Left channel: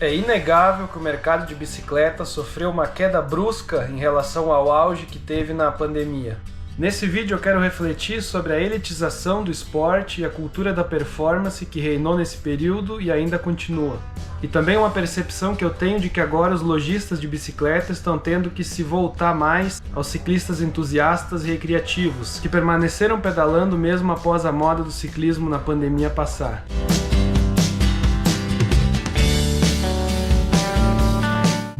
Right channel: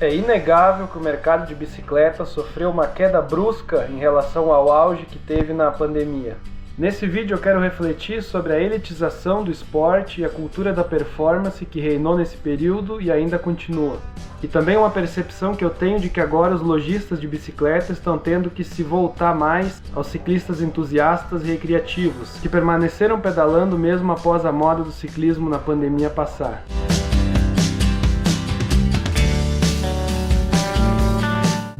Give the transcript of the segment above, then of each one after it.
É inegável que o mercado de bicicleta sofreu uma queda brusca em relação ao auge que teve na pandemia. Nesse vídeo eu quero refletir sobre a elitização do esporte e a cultura da performance que reinou nesse período e ainda continua. E também uma percepção que eu tenho de que agora os lojistas de bicicleta estão tendo que se voltar mais aos ciclistas entusiastas e recreativos, que permaneceram pedalando mesmo após a moda do ciclismo na pandemia passar.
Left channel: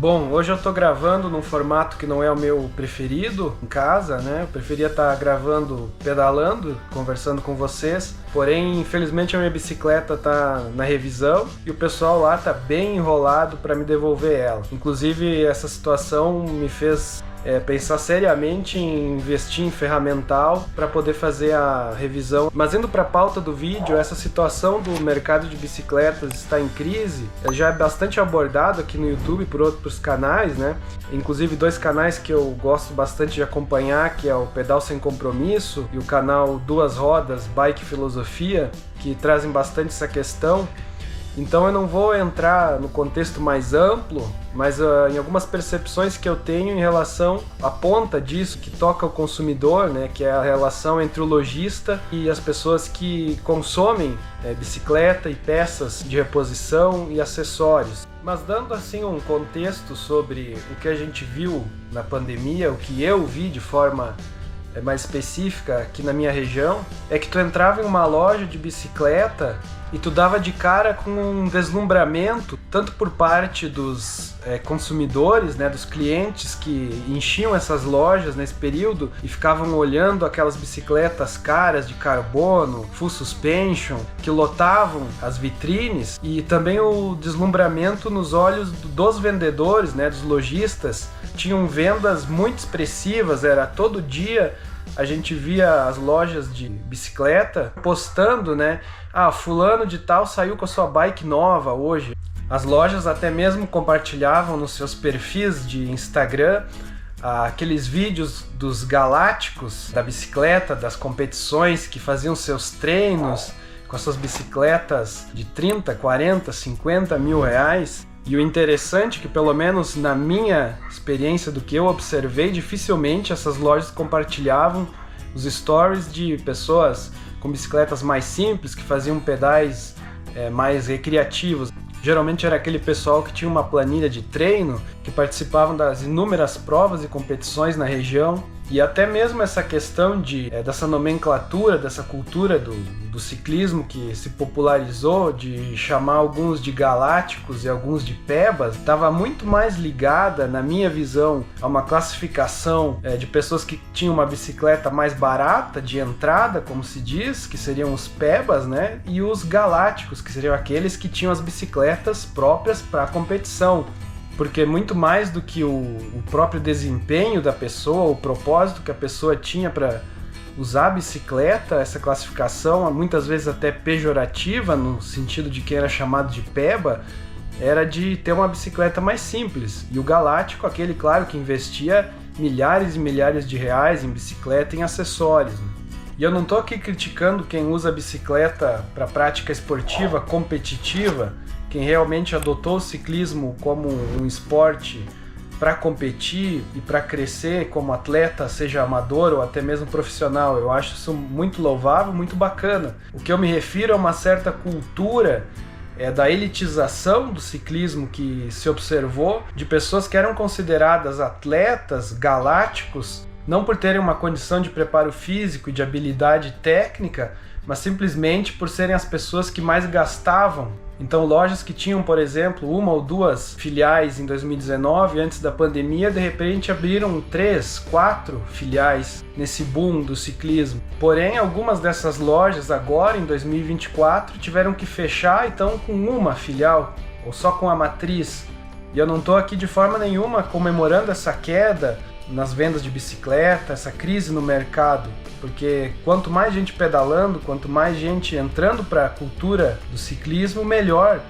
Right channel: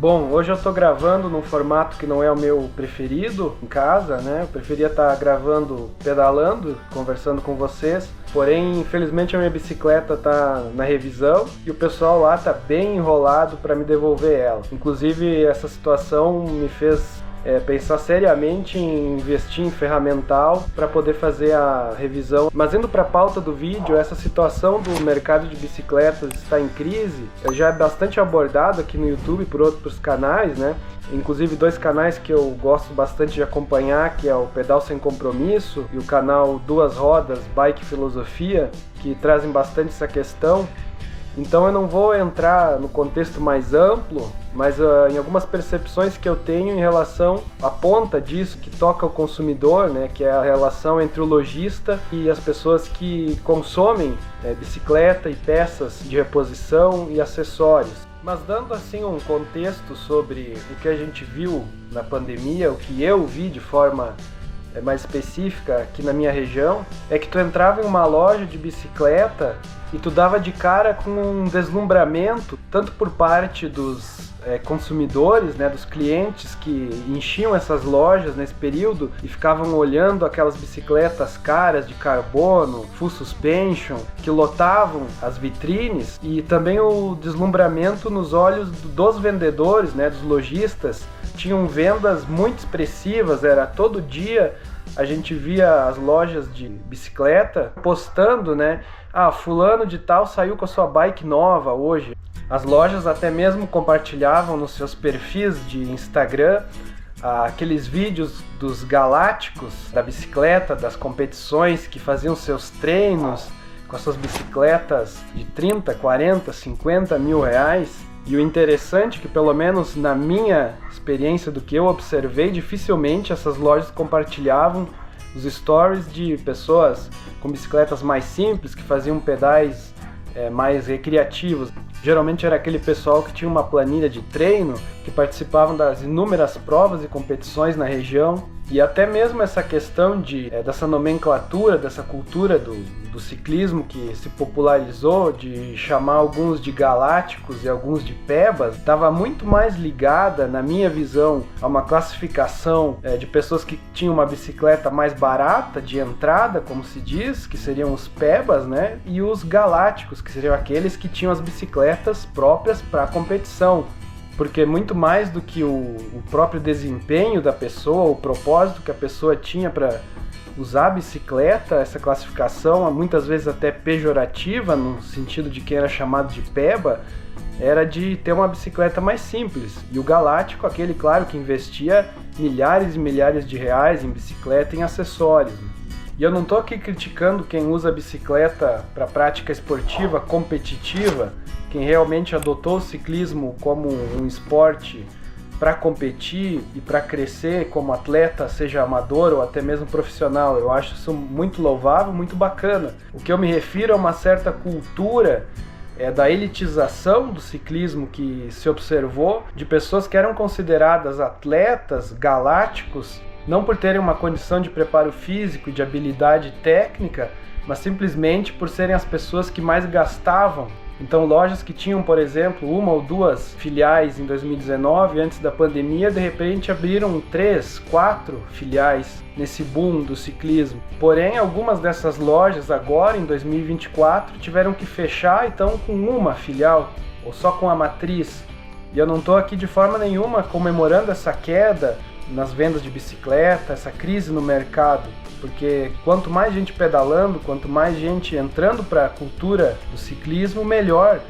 Bom, hoje eu tô gravando num formato que não é o meu preferido, em casa, né? Eu preferia estar gravando pedalando, conversando com vocês. Porém, infelizmente a minha bicicleta tá na revisão e o pessoal lá tá bem enrolado para me devolver ela. Inclusive, essa situação me fez pensar seriamente em investir em ferramental para poder fazer a revisão. Mas indo para a pauta do vídeo, essa situação do mercado de bicicletas está em crise, já é bastante abordado aqui no YouTube por outros canais, né? Inclusive dois canais que eu gosto bastante de acompanhar, que é o Pedal Sem Compromisso e o canal Duas Rodas, Bike Filosofia, que trazem bastante essa questão. Então eu não vou entrar no contexto mais amplo, mas em algumas percepções que eu tenho em relação à ponta disso, que toca o consumidor, né, que é a relação entre o lojista e as pessoas que consomem bicicleta e peças de reposição e acessórios. Mas dando assim um contexto sobre o que a gente viu na pandemia, o que eu vi de forma mais específica aqui na minha região, é que tu entrava em uma loja de bicicleta e tu dava de cara com um deslumbramento, tanto por parte dos consumidores, né, dos clientes que enchiam essas lojas nesse período e ficavam olhando aquelas bicicletas caras de carbono, full suspension, que lotavam as vitrines, e também o deslumbramento nos olhos dos vendedores, né, dos lojistas. Tinham vendas muito expressivas, era todo dia a gente via as lojas de bicicleta postando, né? Ah, fulano de tal saiu com a sua bike nova hoje. As lojas até mesmo compartilhavam nos seus perfis de Instagram aqueles vídeos dos galácticos da bicicleta, das competições, que faziam seus treinos com as suas bicicletas de 30, 40, 50 mil reais. E o interessante é que, pelo menos na minha experiência do que eu observei, dificilmente essas lojas compartilhavam os stories de pessoas com bicicletas mais simples, que faziam pedais mais recreativos. Geralmente era aquele pessoal que tinha uma planilha de treino, que participavam das inúmeras provas e competições na região. E até mesmo essa questão dessa nomenclatura, dessa cultura do ciclismo que se popularizou, de chamar alguns de galácticos e alguns de pebas, estava muito mais ligada, na minha visão, a uma classificação de pessoas que tinham uma bicicleta mais barata de entrada, como se diz, que seriam os pebas, né? E os galácticos, que seriam aqueles que tinham as bicicletas próprias para a competição. Porque muito mais do que o próprio desempenho da pessoa, o propósito que a pessoa tinha para usar a bicicleta, essa classificação, muitas vezes até pejorativa, no sentido de quem era chamado de peba, era de ter uma bicicleta mais simples. E o galáctico, aquele, claro, que investia milhares e milhares de reais em bicicleta e em acessórios. E eu não estou aqui criticando quem usa a bicicleta para prática esportiva competitiva, quem realmente adotou o ciclismo como um esporte para competir e para crescer como atleta, seja amador ou até mesmo profissional. Eu acho isso muito louvável, muito bacana. O que eu me refiro é uma certa cultura da elitização do ciclismo que se observou, de pessoas que eram consideradas atletas galácticos, não por terem uma condição de preparo físico e de habilidade técnica, mas simplesmente por serem as pessoas que mais gastavam. Então, lojas que tinham, por exemplo, uma ou duas filiais em 2019, antes da pandemia, de repente abriram 3, 4 filiais nesse boom do ciclismo. Porém, algumas dessas lojas agora, em 2024, tiveram que fechar, então, com uma filial, ou só com a matriz. E eu não estou aqui de forma nenhuma comemorando essa queda nas vendas de bicicleta, essa crise no mercado, porque quanto mais gente pedalando, quanto mais gente entrando para a cultura do ciclismo, melhor.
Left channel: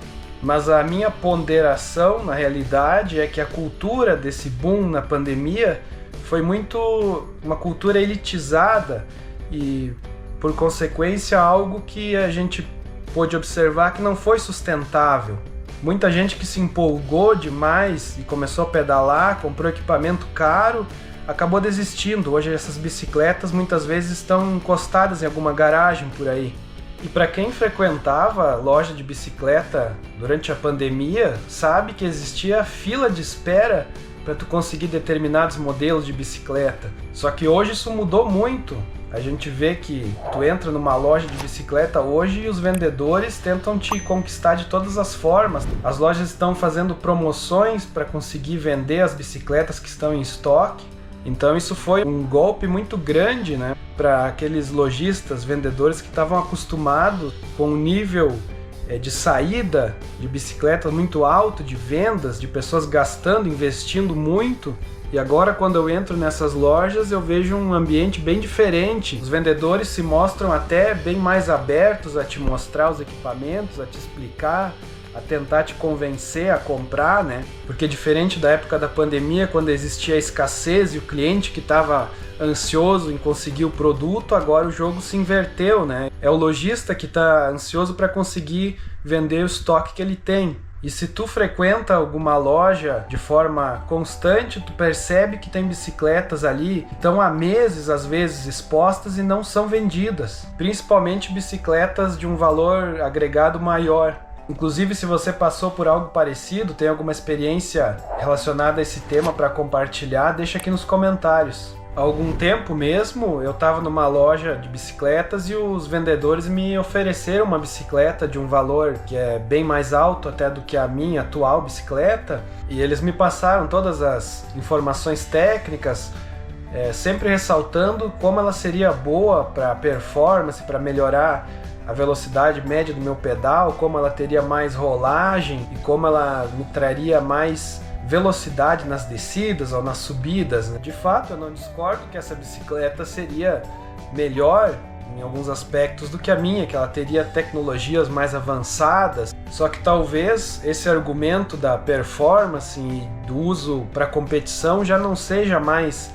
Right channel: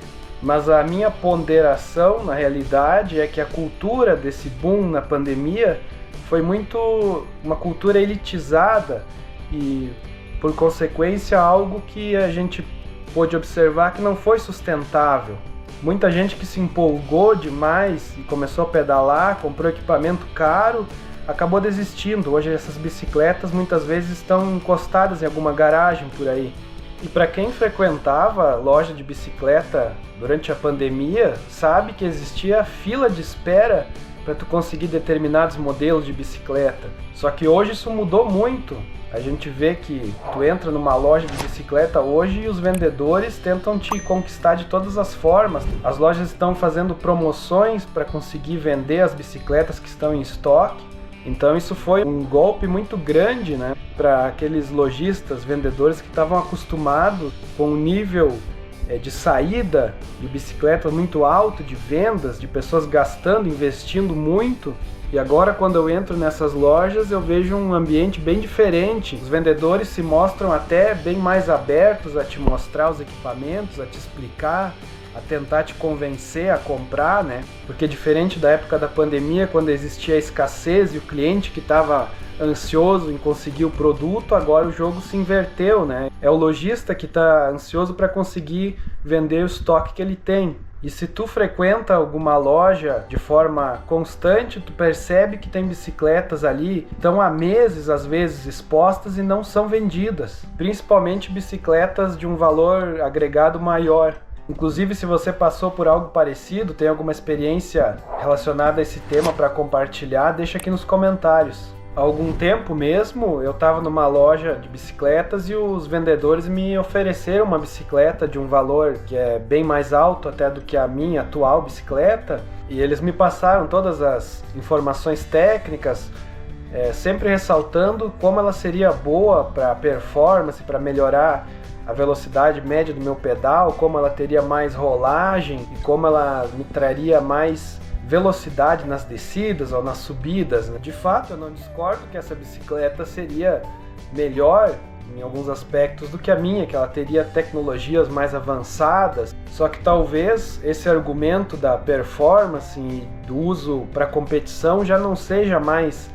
Mas a minha ponderação, na realidade, é que a cultura desse boom na pandemia foi muito uma cultura elitizada e, por consequência, algo que a gente pôde observar que não foi sustentável. Muita gente que se empolgou demais e começou a pedalar, comprou equipamento caro, acabou desistindo. Hoje essas bicicletas muitas vezes estão encostadas em alguma garagem por aí. E para quem frequentava loja de bicicleta durante a pandemia, sabe que existia fila de espera para tu conseguir determinados modelos de bicicleta. Só que hoje isso mudou muito. A gente vê que tu entra numa loja de bicicleta hoje e os vendedores tentam te conquistar de todas as formas. As lojas estão fazendo promoções para conseguir vender as bicicletas que estão em estoque. Então isso foi um golpe muito grande, né, para aqueles lojistas, vendedores que estavam acostumados com um nível de saída de bicicletas muito alto, de vendas, de pessoas gastando, investindo muito. E agora quando eu entro nessas lojas eu vejo um ambiente bem diferente. Os vendedores se mostram até bem mais abertos a te mostrar os equipamentos, a te explicar, a tentar te convencer a comprar, né? Porque diferente da época da pandemia, quando existia a escassez e o cliente que estava ansioso em conseguir o produto, agora o jogo se inverteu, né? É o lojista que está ansioso para conseguir vender o estoque que ele tem. E se tu frequenta alguma loja de forma constante, tu percebe que tem bicicletas ali que estão há meses, às vezes, expostas e não são vendidas. Principalmente bicicletas de um valor agregado maior. Inclusive, se você passou por algo parecido, tem alguma experiência relacionada a esse tema para compartilhar, deixa aqui nos comentários. Há algum tempo mesmo, eu estava numa loja de bicicletas e os vendedores me ofereceram uma bicicleta de um valor que é bem mais alto até do que a minha atual bicicleta, e eles me passaram todas as informações técnicas, sempre ressaltando como ela seria boa para performance, para melhorar a velocidade média do meu pedal, como ela teria mais rolagem e como ela me traria mais velocidade nas descidas ou nas subidas, né? De fato, eu não discordo que essa bicicleta seria melhor em alguns aspectos do que a minha, que ela teria tecnologias mais avançadas, só que talvez esse argumento da performance e do uso para competição já não seja mais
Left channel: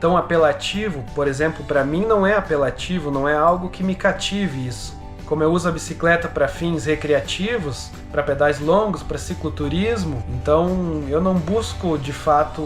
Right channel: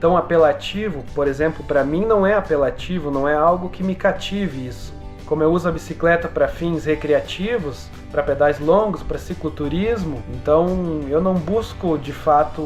tão apelativo. Por exemplo, para mim não é apelativo, não é algo que me cative isso. Como eu uso a bicicleta para fins recreativos, para pedais longos, para cicloturismo, então eu não busco de fato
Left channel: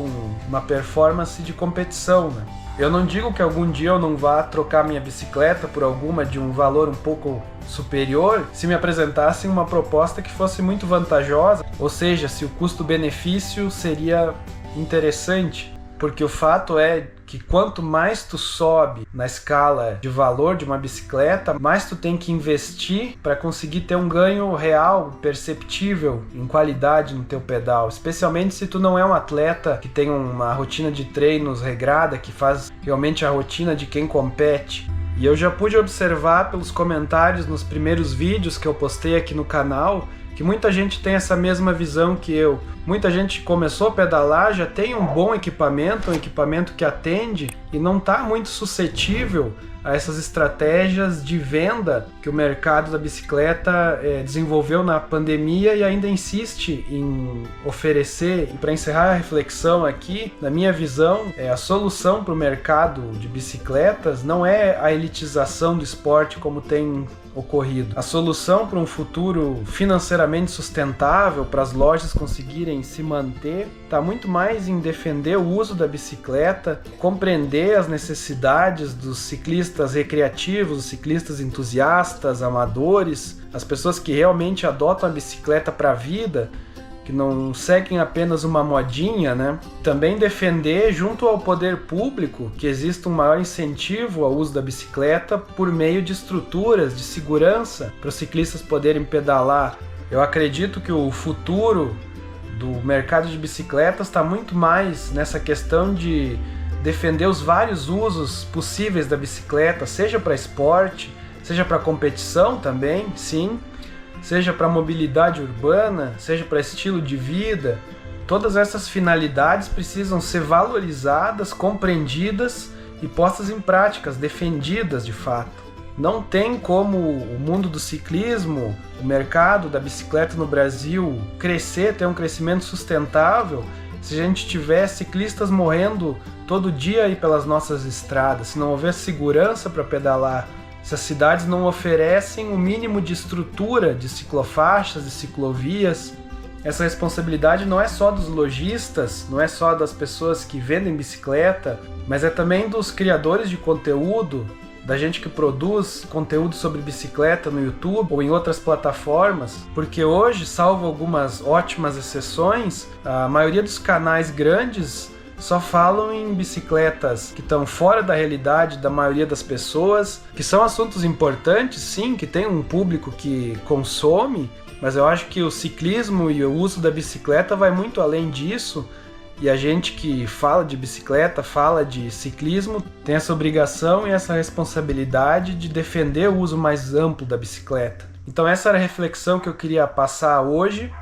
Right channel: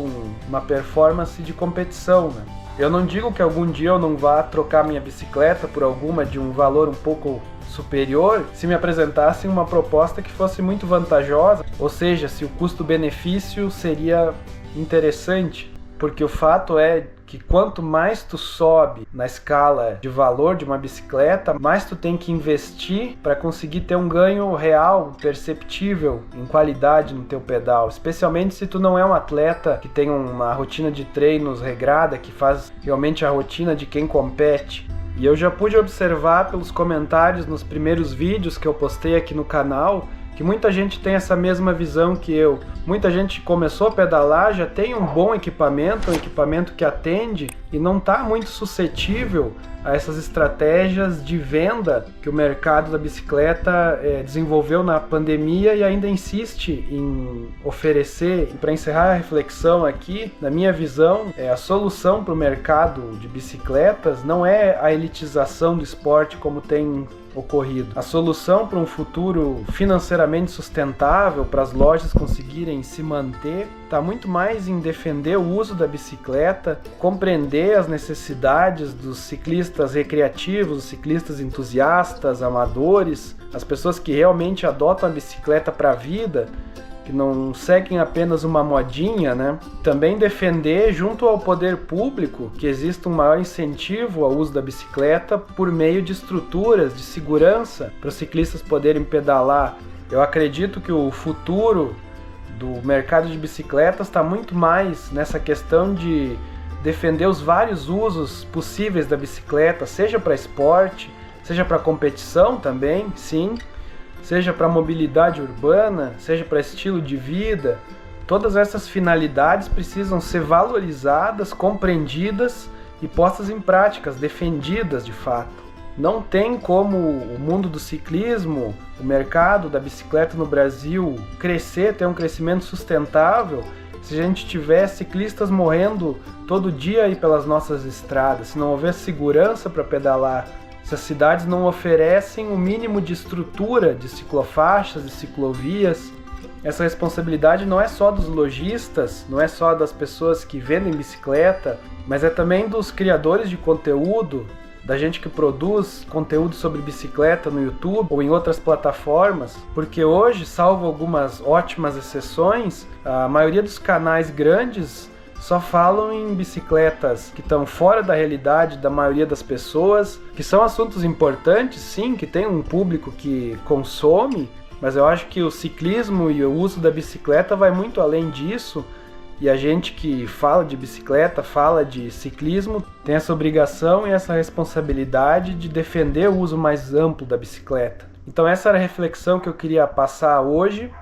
uma performance de competição, né? Eu não digo que algum dia eu não vá trocar minha bicicleta por alguma de um valor um pouco superior se me apresentassem uma proposta que fosse muito vantajosa, ou seja, se o custo-benefício seria interessante. Porque o fato é que quanto mais tu sobe na escala de valor de uma bicicleta, mais tu tem que investir para conseguir ter um ganho real, perceptível em qualidade no teu pedal. Especialmente se tu não é um atleta que tem uma rotina de treinos regrada, que faz realmente a rotina de quem compete. E eu já pude observar pelos comentários nos primeiros vídeos que eu postei aqui no canal, que muita gente tem essa mesma visão que eu. Muita gente começou a pedalar, já tem um bom equipamento, um equipamento que atende e não está muito suscetível a essas estratégias de venda que o mercado da bicicleta desenvolveu na pandemia e ainda insiste em oferecer. E para encerrar a reflexão aqui, na minha visão, a solução para o mercado de bicicletas não é a elitização do esporte como tem ocorrido. A solução para um futuro financeiramente sustentável, para as lojas conseguirem se manter, está muito mais em defender o uso da bicicleta, compreender as necessidades dos ciclistas recreativos, dos ciclistas entusiastas, amadores, as pessoas que realmente adotam a bicicleta para a vida, que não seguem apenas uma modinha, né? Também defender, junto ao poder público, que exista um maior incentivo ao uso da bicicleta por meio de estruturas de segurança para os ciclistas poderem pedalar. Eu acredito que o futuro do mercado de bicicletas está muito mais nessa questão de defender os vários usos possíveis da bicicleta, seja para esporte, seja para competição também, sim, seja para mobilidade urbana, seja para estilo de vida. Todas essas finalidades precisam ser valorizadas, compreendidas e postas em práticas, defendidas de fato. Não tem como o mundo do ciclismo, o mercado da bicicleta no Brasil crescer, ter um crescimento sustentável, se a gente tiver ciclistas morrendo todo dia aí pelas nossas estradas, se não houver segurança para pedalar, se as cidades não oferecem o mínimo de estrutura de ciclofaixas e ciclovias. essa responsabilidade não é só dos lojistas, não é só das pessoas que vendem bicicleta, mas é também dos criadores de conteúdo, da gente que produz conteúdo sobre bicicleta no YouTube ou em outras plataformas, porque hoje, salvo algumas ótimas exceções, a maioria dos canais grandes só falam em bicicletas que estão fora da realidade da maioria das pessoas, que são assuntos importantes, sim, que tem um público que consome, mas eu acho que o ciclismo e o uso da bicicleta vai muito além disso. E a gente que fala de bicicleta, fala de ciclismo, tem essa obrigação e essa responsabilidade de defender o uso mais amplo da bicicleta. Então essa era a reflexão que eu queria passar hoje.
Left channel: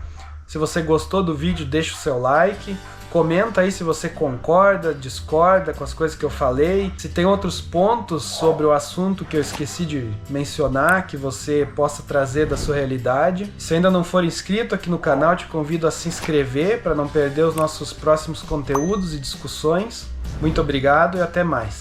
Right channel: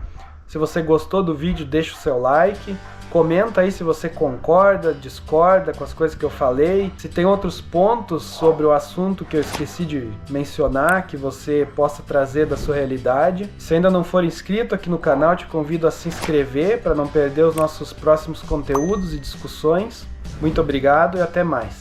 Se você gostou do vídeo, deixa o seu like. Comenta aí se você concorda, discorda com as coisas que eu falei. Se tem outros pontos sobre o assunto que eu esqueci de mencionar, que você possa trazer da sua realidade. Se ainda não for inscrito aqui no canal, te convido a se inscrever para não perder os nossos próximos conteúdos e discussões. Muito obrigado e até mais.